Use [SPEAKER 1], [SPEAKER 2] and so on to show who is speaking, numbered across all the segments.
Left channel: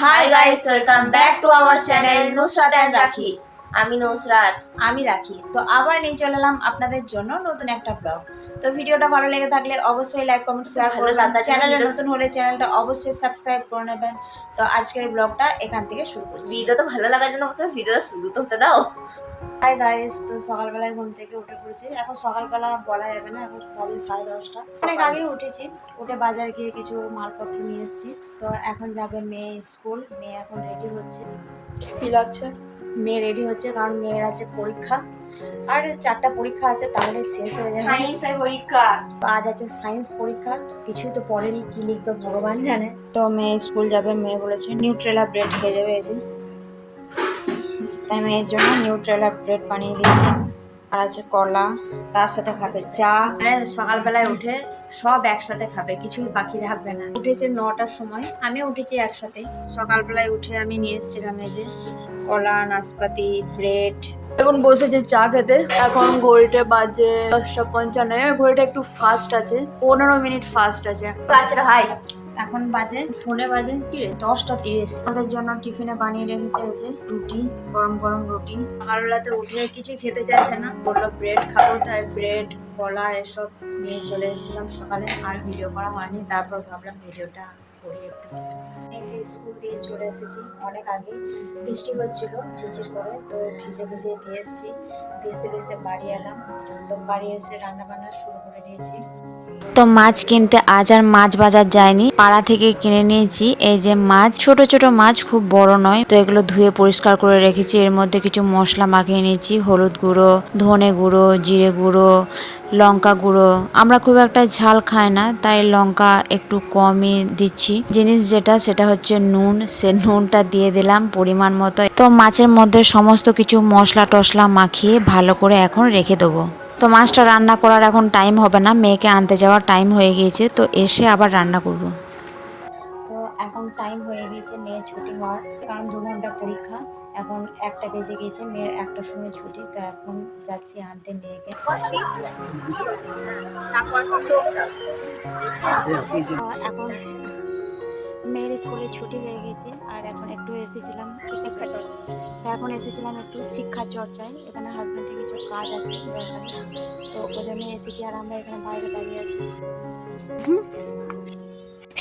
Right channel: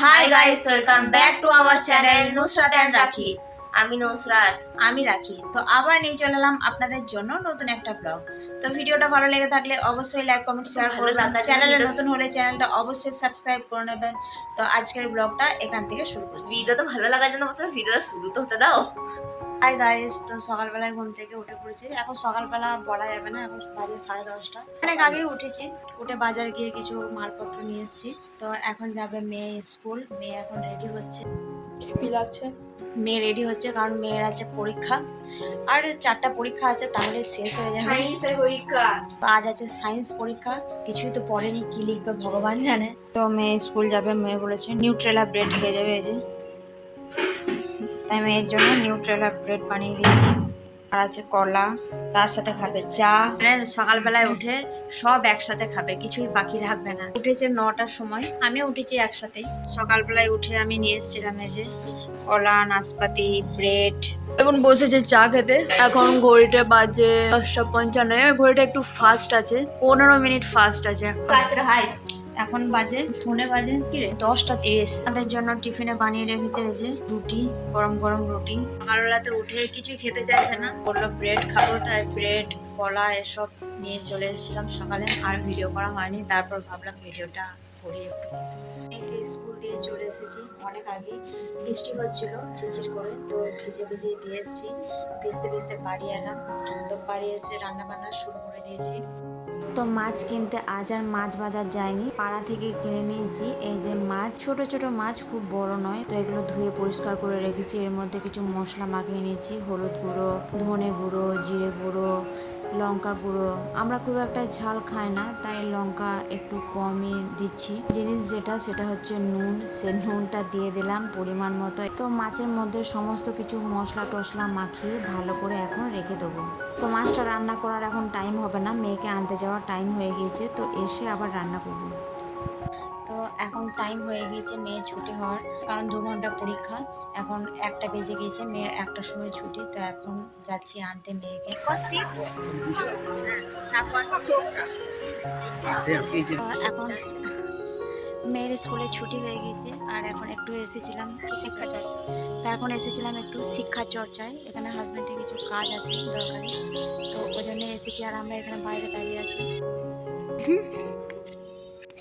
[SPEAKER 1] Hi guys welcome back to our channel Nusrat and Rakhi
[SPEAKER 2] আমি নসরাত
[SPEAKER 1] আমি রাখি। তো আবার নিয়ে চলে এলাম আপনাদের জন্য নতুন একটা ব্লগ তো ভিডিওটা ভালো লেগে থাকলে অবশ্যই লাইক কমেন্ট শেয়ার
[SPEAKER 2] লাগার
[SPEAKER 1] চ্যানেলে নতুন হলে চ্যানেলটা অবশ্যই সাবস্ক্রাইব করে নেবেন। তো আজকের ব্লগটা এখান থেকে শুরু করছি।
[SPEAKER 2] ভিডিওটা তো ভালো লাগার জন্য প্রথমে ভিডিওটা শুরু তো হতে দাও।
[SPEAKER 1] হাই গাইস তো সকালবেলায় ঘুম থেকে উঠে পড়েছি। এখন সকালবেলা বলা যাবে না এখন বাজে সাড়ে দশটা। অনেক আগে উঠেছি উঠে বাজারে গিয়ে কিছু মালপত্র নিয়ে এসেছি। তো এখন যাবে মেয়ে স্কুল মেয়ে এখন রেডি হচ্ছে।
[SPEAKER 2] কি লাগছে
[SPEAKER 1] মেয়ে রেডি হচ্ছে কারণ মেয়ের আছে পরীক্ষা। আর চারটা পরীক্ষা আছে তাহলে শেষ হয়ে যাবে।
[SPEAKER 2] সায়েন্সের পরীক্ষা।
[SPEAKER 1] আজ আছে সায়েন্স পরীক্ষা কিছুই তো পড়েনি কি লিখবে ভগবান জানে। তো মেয়ে স্কুল যাবে মেয়ে বলেছে নিউট্রেলা ব্রেড খেয়ে যাবে এই যে। তাই মেয়ের জন্য নিউট্রেলা ব্রেড বানিয়ে দিয়েছি। আর আছে কলা, তার সাথে খাবে চা। সকালবেলায় উঠে সব একসাথে খাবে, কিছুই বাকি রাখবে না। উঠেছে নটার সময়, আমিও উঠেছি একসাথে। সকালবেলায় উঠে আমি নিয়ে এসেছিলাম এই যে কলা, নাশপাতি ব্রেড এখন বসেছে চা খেতে। এখন ঘড়িটা বাজে দশটা পঞ্চান্ন। ঘড়িটা একটু ফাস্ট আছে, পনেরো মিনিট ফাস্ট আছে।
[SPEAKER 2] আচ্ছা ভাই
[SPEAKER 1] এখন বাজে ফোনে বাজে, কি রে? দশটা তিরিশ। আমাদের জন্য টিফিনে বানিয়ে রেখেছে যে রুটি, গরম গরম রুটি। সকালবেলাতে উঠে কিছু খেতে চাইছে না। বলল, ব্রেড খাব। তাই ব্রেড, কলা এসব নিয়ে চলে এসেছিলাম সকালে। আর ভিডিও করা হয়নি। তারপর ভাবলাম ভিডিওটা করি একটু। স্কুল দিয়ে চলে এসেছি। অনেক আগে বৃষ্টি হচ্ছিল ঝিঝির করে, তো ভিজে ভিজে দিয়ে এসেছি। ভিজতে ভিজতে বাড়ি এলাম। তো বাড়ি এসে রান্না বান্না শুরু করে দিয়েছি।
[SPEAKER 3] তো মাছ কিনতে আজ আর মাছ বাজার যায়নি। পাড়া থেকে কিনে নিয়েছি। এই যে মাছ, ছোট ছোট মাছ খুব বড় নয়। তো এগুলো ধুয়ে পরিষ্কার করে রেখেছি। এর মধ্যে কিছু মশলা মাখিয়ে নিয়েছি। হলুদ গুঁড়ো, ধনে গুঁড়ো, জিরে গুঁড়ো, লঙ্কা গুঁড়ো। আমরা খুব একটা ঝাল খাই না, তাই লঙ্কা একটু কমই দিচ্ছি। জিনিস যেটা, সেটা হচ্ছে নুন। সে নুনটা দিয়ে দিলাম পরিমাণ মতো। তো মাছের মধ্যে সমস্ত কিছু মশলা টশলা মাখিয়ে ভালো করে এখন রেখে দেবো। তো মাছটা রান্না করার এখন টাইম হবে না, মেয়েকে আনতে যাওয়ার টাইম হয়ে গিয়েছে, তো এসে আবার রান্না করব।
[SPEAKER 1] তো এখন টাইম হয়ে গিয়েছে মেয়ে ছুটি হওয়ার, কারণ দু ঘণ্টা পরীক্ষা, এখন একটা বেজে গিয়েছে, মেয়ের একটা সময় ছুটি, তো এখন যাচ্ছি আনতে মেয়েকে এখন মেয়ের স্কুলে ছুটি হয়ে গেছে আর এখন একটু এসেছিলাম শিক্ষা এখন এসেছিলাম একটু শিক্ষা চর্চায়। এখানে হাজব্যান্ডের কিছু কাজ আছে তো ওই জন্য এসেছি আর আমরা এখানে বাইরে দাঁড়িয়ে আছি।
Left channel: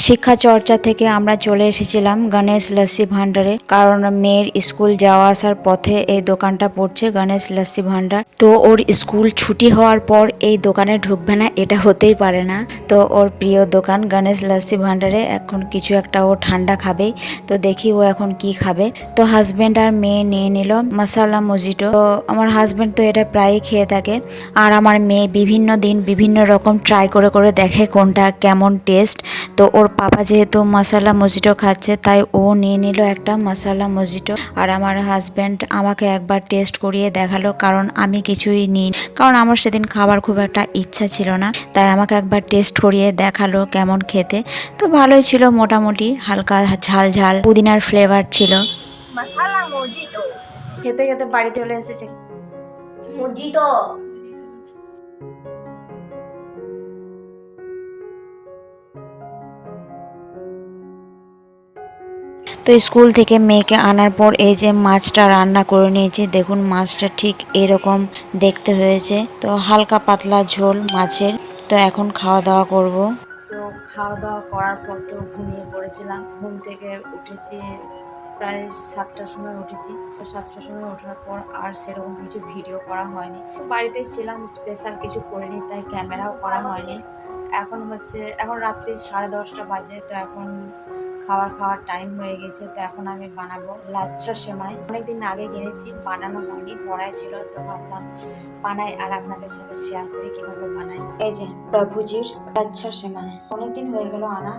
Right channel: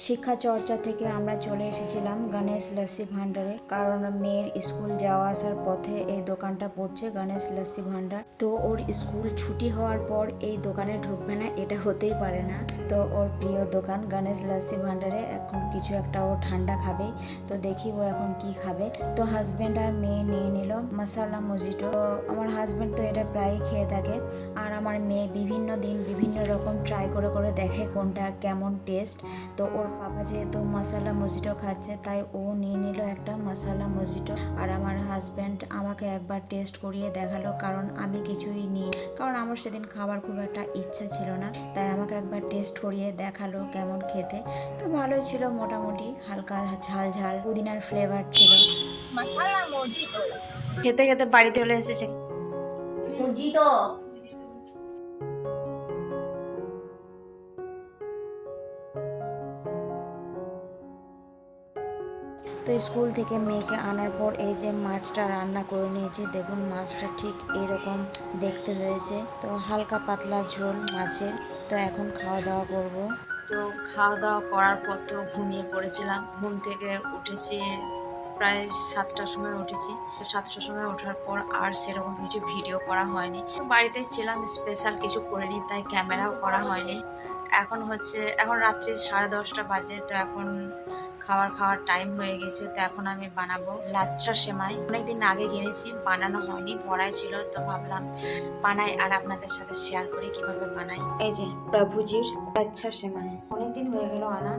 [SPEAKER 3] শিক্ষা চর্চা থেকে আমরা চলে এসেছিলাম গণেশ লস্যি ভান্ডারে কারণ মেয়ের স্কুল যাওয়া আসার পথে এই দোকানটা পড়ছে গণেশ লস্যি ভান্ডার তো ওর স্কুল ছুটি হওয়ার পর এই দোকানে ঢুকবে না, এটা হতেই পারে না। তো ওর প্রিয় দোকান গণেশ লস্যি ভান্ডারে এখন কিছু একটা ও ঠান্ডা খাবেই তো দেখি ও এখন কি খাবে। তো হাজব্যান্ড আর মেয়ে নিয়ে নিল মশালা মজিটো তো আমার হাজব্যান্ড তো এটা প্রায়ই খেয়ে থাকে। আর আমার মেয়ে বিভিন্ন দিন বিভিন্ন রকম ট্রাই করে করে দেখে কোনটা কেমন টেস্ট তো ওর পাপা যেহেতু মশালা মজিটো খাচ্ছে তাই ও নিয়ে নিল একটা মশালা মজিটো। আর আমার হাজব্যান্ড আমাকে একবার টেস্ট করিয়ে দেখাল কারণ আমি কিছুই নিই কারণ আমার সেদিন খাবার খুব একটা ইচ্ছা ছিল না তাই আমাকে একবার টেস্ট করিয়ে দেখাল কেমন খেতে। তো ভালোই ছিল মোটামুটি হালকা ঝাল ঝাল পুদিনার ফ্লেভার ছিল।
[SPEAKER 1] খেতে খেতে বাড়িতে চলে এসেছে।
[SPEAKER 2] মজিটো।
[SPEAKER 3] তো স্কুল থেকে মেয়েকে আনার পর এই যে মাছটা রান্না করে নিয়েছি, দেখুন মাছটা ঠিক এরকম দেখতে হয়েছে। তো হালকা পাতলা ঝোল মাছের। তো এখন খাওয়া দাওয়া করব।
[SPEAKER 1] তো খাওয়া দাওয়া করার পর তো ঘুমিয়ে পড়েছিলাম। ঘুম থেকে উঠেছি প্রায় সাতটার সময় উঠেছি। সাতটার সময় ওঠার পর আর সেরকম কিছু ভিডিও করা হয়নি। বাড়িতেই ছিলাম স্পেশাল কিছু করিনি, তাই ক্যামেরাও করা হয়নি। এখন হচ্ছে, এখন রাত্রি সাড়ে দশটা বাজে, তো এখন খাবার খাওয়ার টাইম হয়ে গেছে, তো এখন আমি বানাবো লাচ্ছা সেমাই। অনেকদিন আগে কিনেছি বানানো হয়নি, ভরাই ছিল, তো ভাবলাম বানাই আর আপনাদের সাথে শেয়ার করি কীভাবে বানাই। এই যে প্রভুজির লাচ্ছা সেমাই। অনেকদিন হয়ে গেল আনা,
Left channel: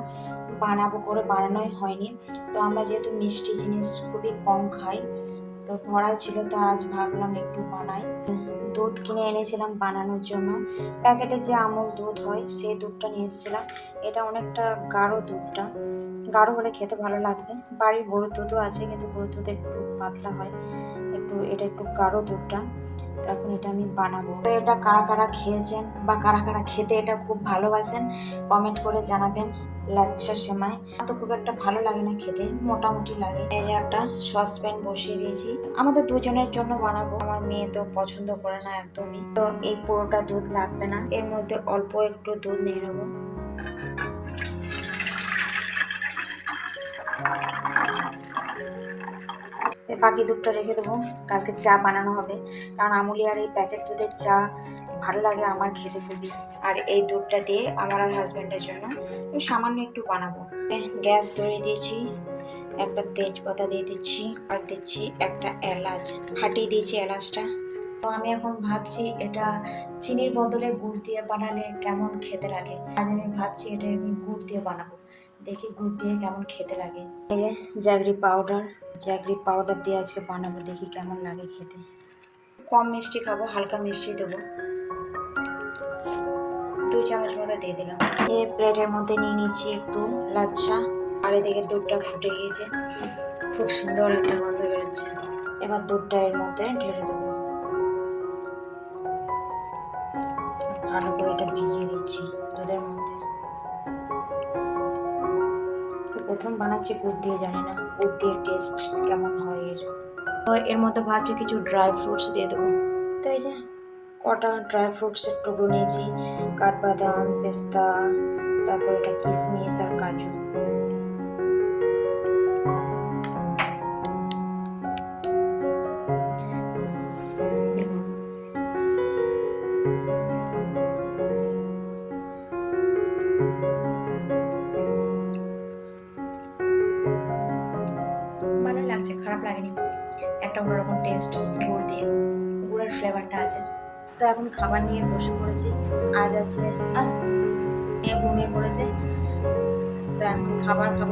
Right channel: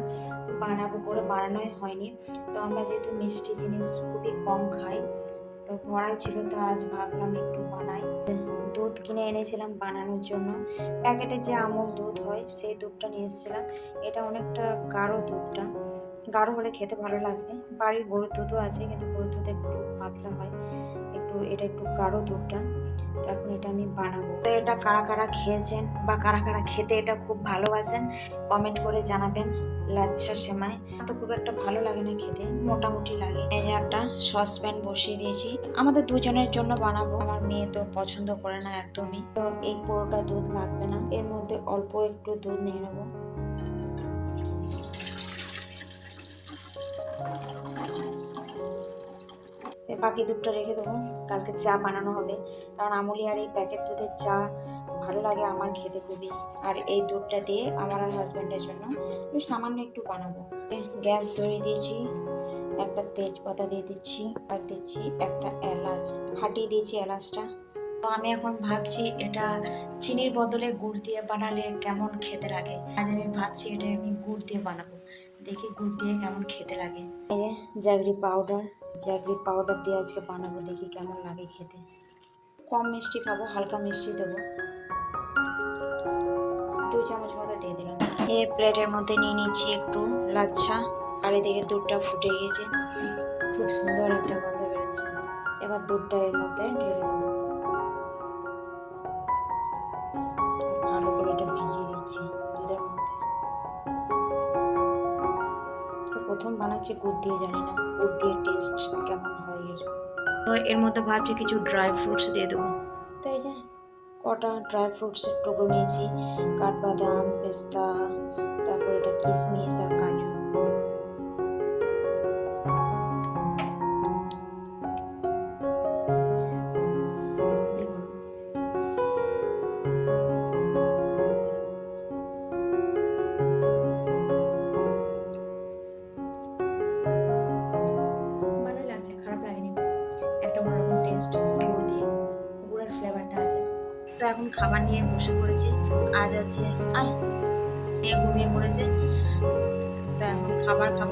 [SPEAKER 1] বানাবো করে, বানানোই হয়নি। তো আমরা যেহেতু মিষ্টি জিনিস খুবই কম খাই তো ভরা ছিল, তো আজ ভাবলাম একটু বানাই। দুধ কিনে এনেছিলাম বানানোর জন্য। প্যাকেটে যে আমুল দুধ হয় সেই দুধটা নিয়ে এসেছিলাম। এটা অনেকটা গাঢ় দুধটা। গাঢ় হলে খেতে ভালো লাগবে। বাড়ির গরুর দুধও আছে, কিন্তু গরুর দুধ একটু পাতলা হয়। একটু, এটা একটু গাঢ় দুধটা। তো এখন এটা আমি বানাবো। এটা কারা কারা খেয়েছেন বা কারা কারা খেতে এটা খুব ভালোবাসেন, কমেন্ট করে জানাবেন লাচ্ছা সেমাই। তো খুব একটা ভালো লাগে না খেতে, মোটামুটি লাগে। একটা সসপ্যান বসিয়ে দিয়েছি। আমাদের দুজনের জন্য বানাবো। আমার মেয়ে তো পছন্দ করে না একদমই। তো এই পুরোটা দুধ লাগবে না। এর মধ্যে অল্প একটু দুধ নিয়ে নেব। বাকি দুধটা রেখে দেবো। কালকে চা বানানো হবে। কারণ আমুলি আর এই প্যাকেট দুধের চা ভালো লাগে আমার খেতে খুবই। আর এই দুধটা দিয়ে আমার আর হাজব্যান্ডের জন্য সামান্য একটু বানাবো। গ্যাস ধরিয়ে দিয়েছি। একটা তেজপাতা দিয়ে দিচ্ছি, আর দিচ্ছি একটা এলাচ। ফাটিয়ে দিয়েছি এলাচটা। তো আমি এখন ভাবছি এটা চিনির বদলে গুড় দিয়ে বানালে কেমন খেতে লাগে? আজ আমি ভাবছি এটা আমি গুড় দিয়ে বানাবো। দেখি গুড় দিয়ে কেমন খেতে লাগে। এই যে জাগরি পাউডার। জাগরি পাউডার দিয়ে আজকে বানাবো, দেখি কেমন লাগে খেতে। কম মিষ্টি খাব, হালকা মিষ্টি দেবো। দু চামচ মতো দিয়ে দিলাম। নিয়ে প্লেটের মধ্যে নিয়ে নিচ্ছি একটু লাচ্ছা। আর এদিকে দুধটা ফুটে গিয়েছে। খুব সুন্দর একটা গন্ধ বেরোচ্ছে। এবার দুধটা এর মধ্যে ঢেলে দেবো। ভালো করে এটা ভিজিয়ে দিচ্ছি দুধের মধ্যে। প্রথম বানাচ্ছি গুড় দিয়ে, জানি না গুড় দিয়ে টেস্ট কেমন হয় এর। তো এর মধ্যে ভাবছি কিছু ড্রাই ফ্রুটস দিয়ে দেবো। তো এই যে কটা ড্রাই ফ্রুটসের টুকরো নিয়েছি। কাঠবাদাম, পেস্তা, তারপর এটা কিশমিশ আর কাজু। তো এখন খাবার নিয়ে বসে পড়েছি। আজ আছে আর এ ঘুমিয়ে পড়েছে। তো এখন খাবার খাব,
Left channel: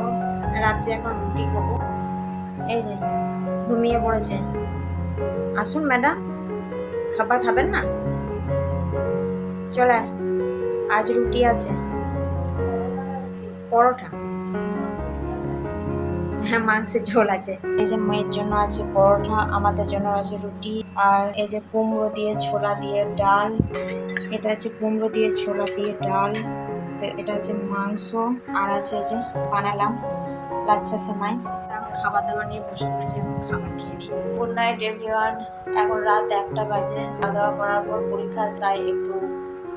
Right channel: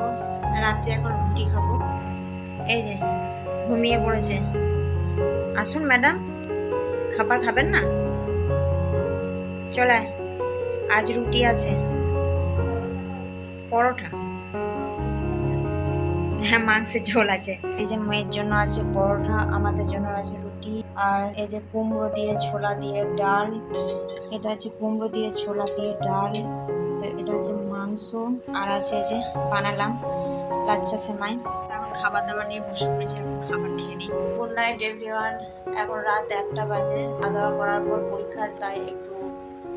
[SPEAKER 1] রাত্রে এখন রুটি খাব। এই যে, ঘুমিয়ে পড়েছে। আসুন ম্যাডাম, খাবার খাবেন না? চলে। আজ রুটি আছে। পরোটা। হ্যাঁ মাংসের ঝোল আছে। এই যে মেয়ের জন্য আছে পরোটা, আমাদের জন্য আছে রুটি, আর এই যে কুমড়ো দিয়ে ছোলা দিয়ে ডাল, এটা আছে কুমড়ো দিয়ে ছোলা দিয়ে ডাল, তো এটা হচ্ছে মাংস, আর আছে এই যে বানালাম লাচ্ছা সেমাই। এখন খাবার দাবার নিয়ে বসে পড়েছি খাবার খেয়ে নিই। গুড নাইট এভরিওয়ান এখন রাত একটা বাজে খাওয়া দাওয়া করার পর পরীক্ষা তাই একটু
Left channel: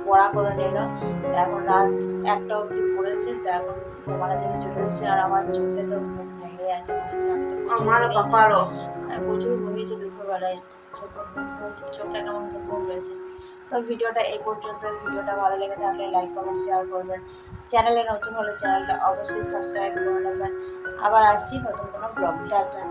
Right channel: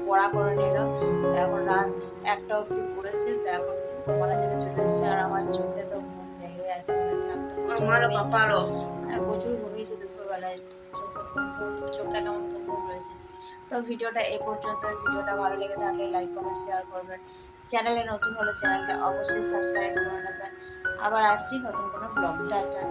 [SPEAKER 1] পড়া করে নিল। তো এখন রাত একটা অবধি পড়েছে, তো এখন ঘুমানোর জন্য চলে এসেছে, আর আমার চোখে তো আছে মনে হচ্ছে আমি তো
[SPEAKER 2] আমারও। পাপারও
[SPEAKER 1] প্রচুর ঘুমিয়েছি দুপুরবেলায় চোখটা কেমন রয়েছে। তো ভিডিওটা এই পর্যন্ত ভিডিওটা ভালো লেগে থাকলে লাইক কমেন্ট শেয়ার করবেন। চ্যানেলে নতুন হলে চ্যানেলটা অবশ্যই সাবস্ক্রাইব করে নেবেন। আবার আসছি নতুন কোনো ব্লগ টাটা